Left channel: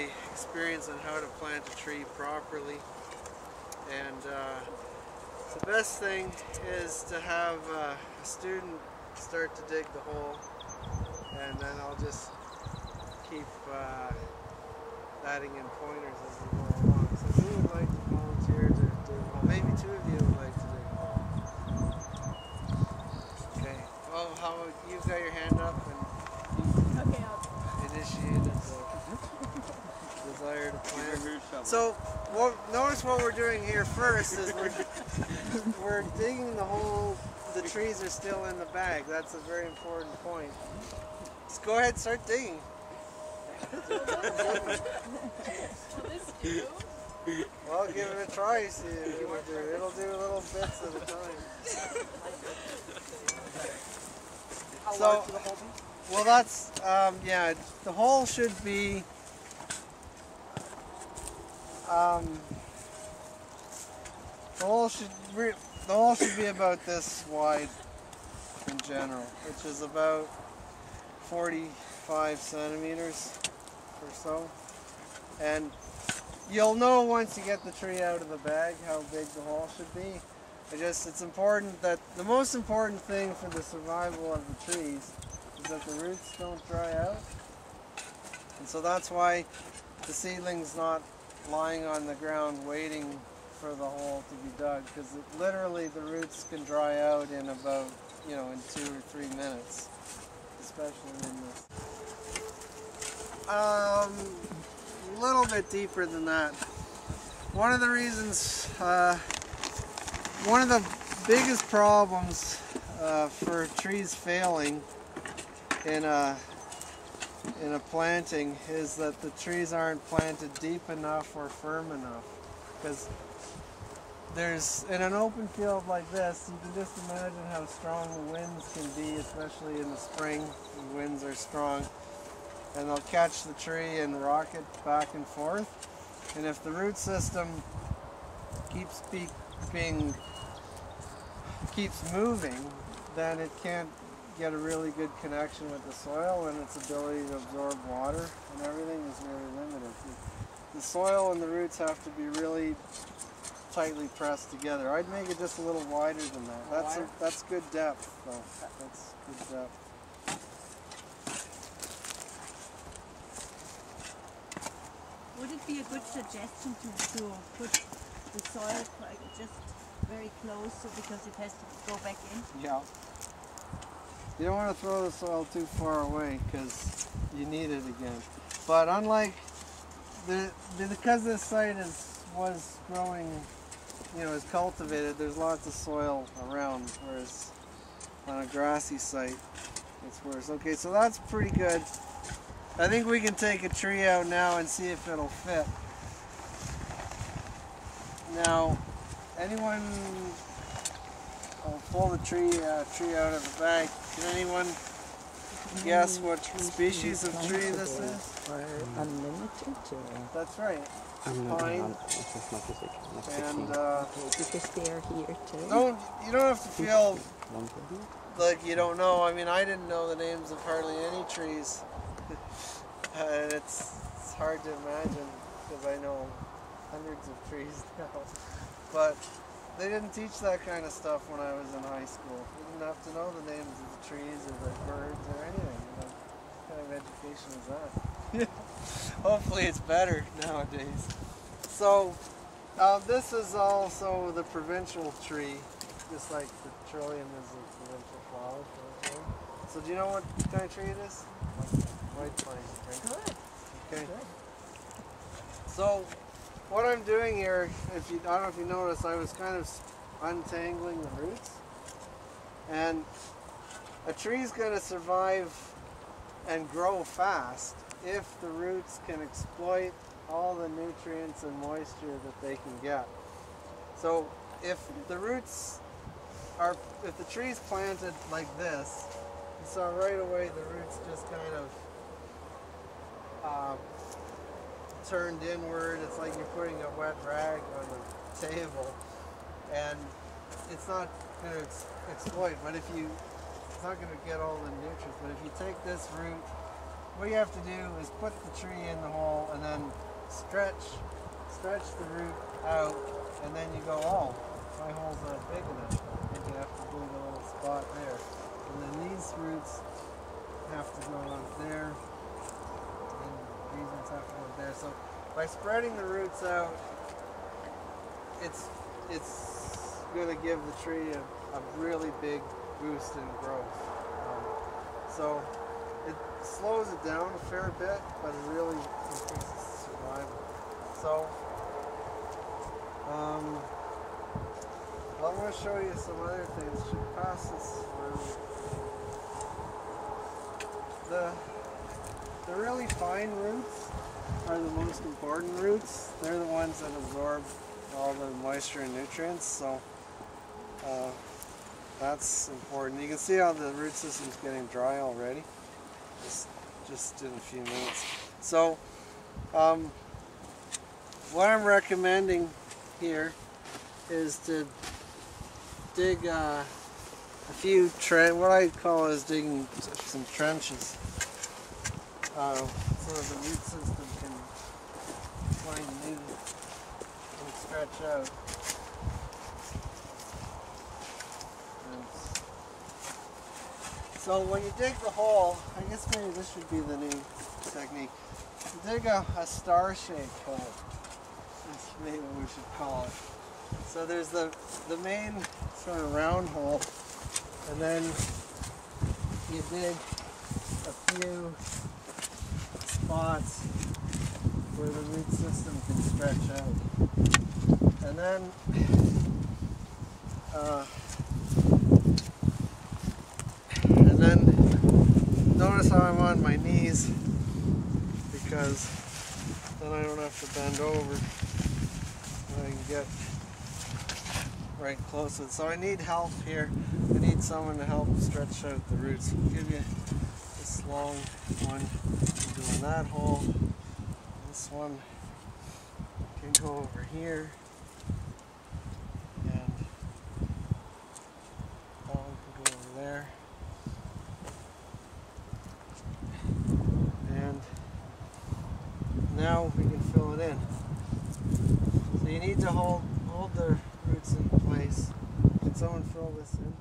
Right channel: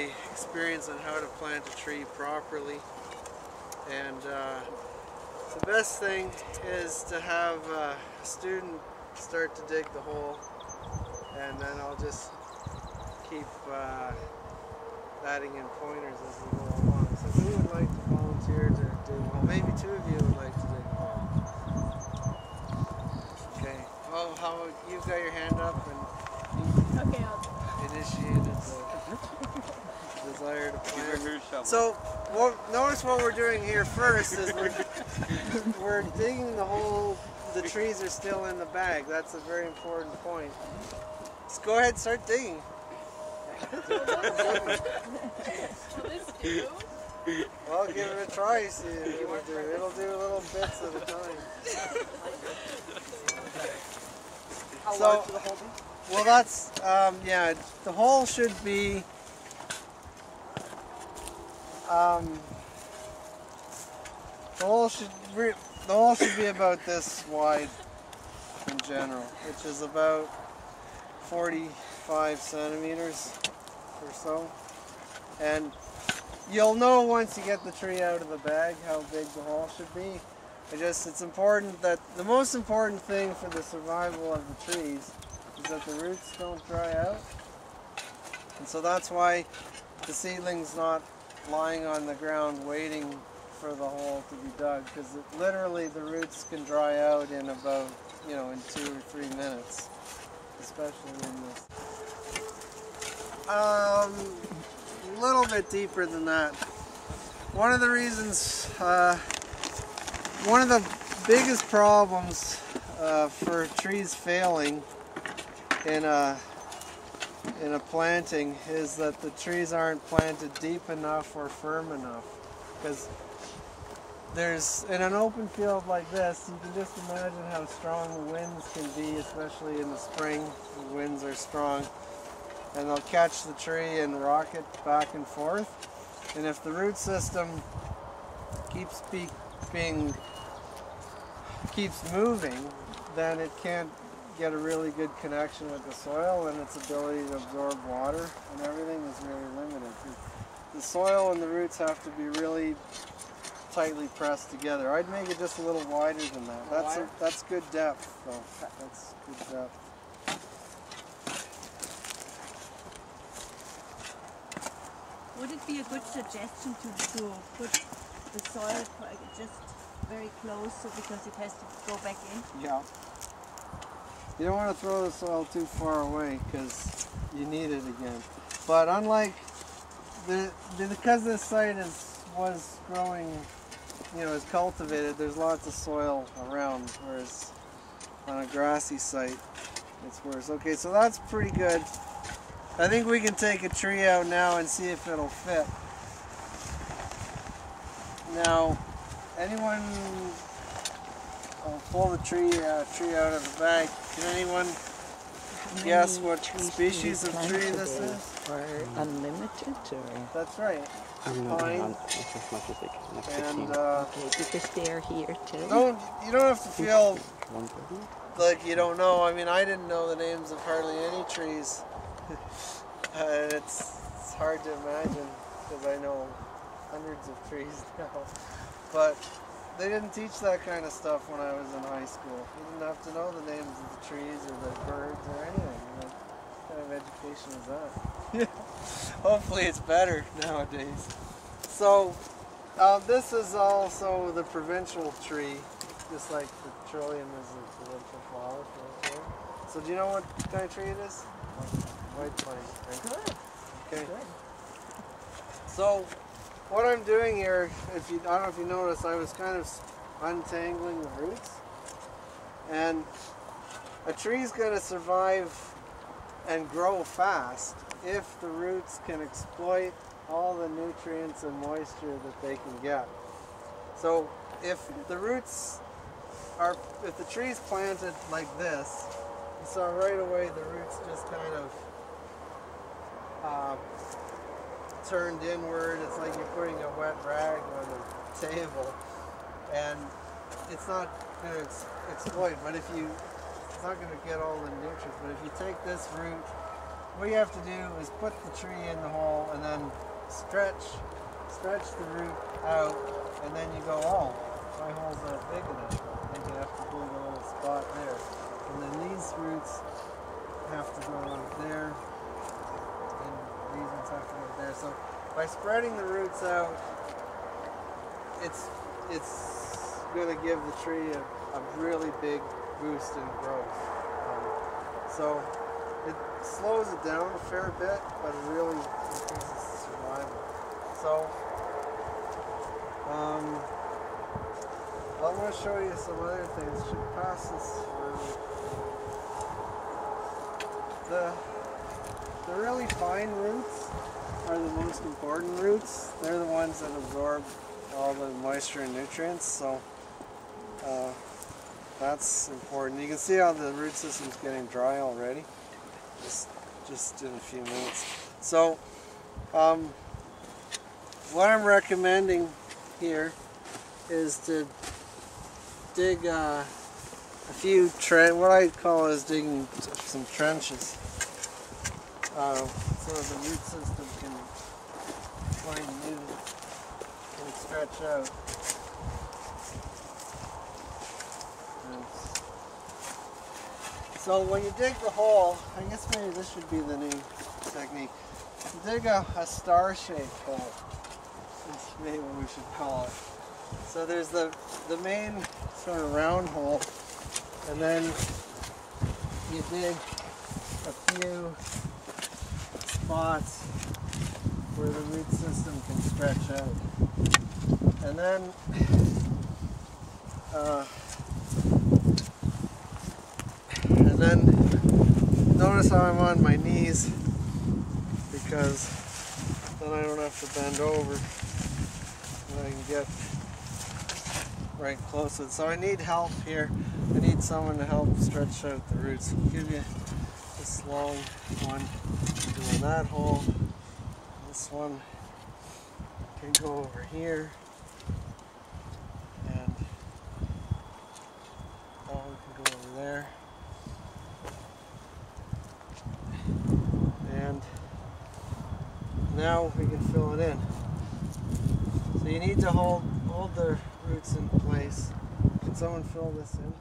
my experience on how to plant a tree properly. And the best thing is to have a student start to dig the hole, and then I'll just keep adding in pointers as we go along. So who would like to volunteer to dig a hole? Maybe two of you would like to dig a hole. Okay. Well, how you've got your hand up and you initiated the desire to plant. So notice what we're doing here first is we're digging the hole. The trees are still in the bag. That's a very important point. Just go ahead and start digging. Well, give it a try. See what it'll do little bits at a time. How large should the hole be? Well, that's yeah. The hole should be the hole should be about this wide in general, which is about 45 centimeters or so. And you'll know once you get the tree out of the bag how big the hole should be. It's important that the most important thing for the survival of the trees is that the roots don't dry out. And so that's why the seedling's not lying on the ground waiting for the hole to be dug, because literally the roots can dry out in about, in 2 or 3 minutes, especially in this. A little bit deeper than that. One of the reasons, one of the biggest problems for trees failing in a planting is that the trees aren't planted deep enough or firm enough. Because in an open field like this, you can just imagine how strong the winds can be, especially in the spring. The winds are strong, and they'll catch the tree and rock it back and forth. And if the root system keeps moving, then it can't get a really good connection with the soil, and its ability to absorb water and everything is really limited. The soil and the roots have to be really tightly pressed together. I'd make it just a little wider than that. That's good depth, though. That's good depth. Would it be a good suggestion to put the soil just very close, because it has to go back in? Yeah. You don't want to throw the soil too far away because you need it again. But unlike because this site was growing, is cultivated, there's lots of soil around, whereas on a grassy site it's worse. Okay, so that's pretty good. I think we can take a tree out now and see if it'll fit. Now, anyone, I'll pull the tree out of the bag. Can anyone guess what species of tree this is? Or unlimited, or? That's right. Pine. As much as they can. Like And because they are here too. you don't have to feel like you don't know. I mean, I didn't know the names of hardly any trees. And it's hard to imagine because I know hundreds of trees now. But they didn't teach that kind of stuff when I was in high school. You didn't have to know the names of the trees or the birds or anything. What kind of education is that? Hopefully it's better nowadays. So this is also the provincial tree, just like the trillium is a provincial flower. So do you know what kind of tree it is? White pine, right? Good. Okay. Good. So what I'm doing here, I don't know if you noticed, I was kind of untangling the roots. And a tree's going to survive and grow fast if the roots can exploit all the nutrients and moisture that they can get. So if the tree's planted like this, you saw right away the roots just kind of turned inward. It's like you're putting a wet rag on the table, and it's not going to exploit. But it's not going to get all the nutrients. But if you take this root what you have to do is put the tree in the hole and then stretch the root out, and then you go, oh, my hole's not big enough. Maybe you have to dig a little spot there. And then these roots have to go out there, and these ones have to go there. So by spreading the roots out, it's going to give the tree a really big boost in growth. So it slows it down a fair bit, but it really increases survival. So I'm going to show you some other things. Should pass this around. The really fine roots are the most important roots. They're the ones that absorb all the moisture and nutrients. So that's important. You can see how the root system's getting dry already. Just in a few minutes. So what I'm recommending here is to dig a few what I call is digging some trenches, so the root system can find new and stretch out. And so when you dig the hole, I guess maybe this should be the new technique. You dig a star-shaped hole. That's maybe what we should call it. So there's the main sort of round hole, and then you dig a few spots where the root system can stretch out. And then notice how I'm on my knees, because then I don't have to bend over and I can get right close to it. So I need help here. I need someone to help stretch out the roots. I'll give you this long one doing that hole. This one can go over here, and that one can go over there. And now we can fill it in. So you need to hold the roots in place. Can someone fill this in?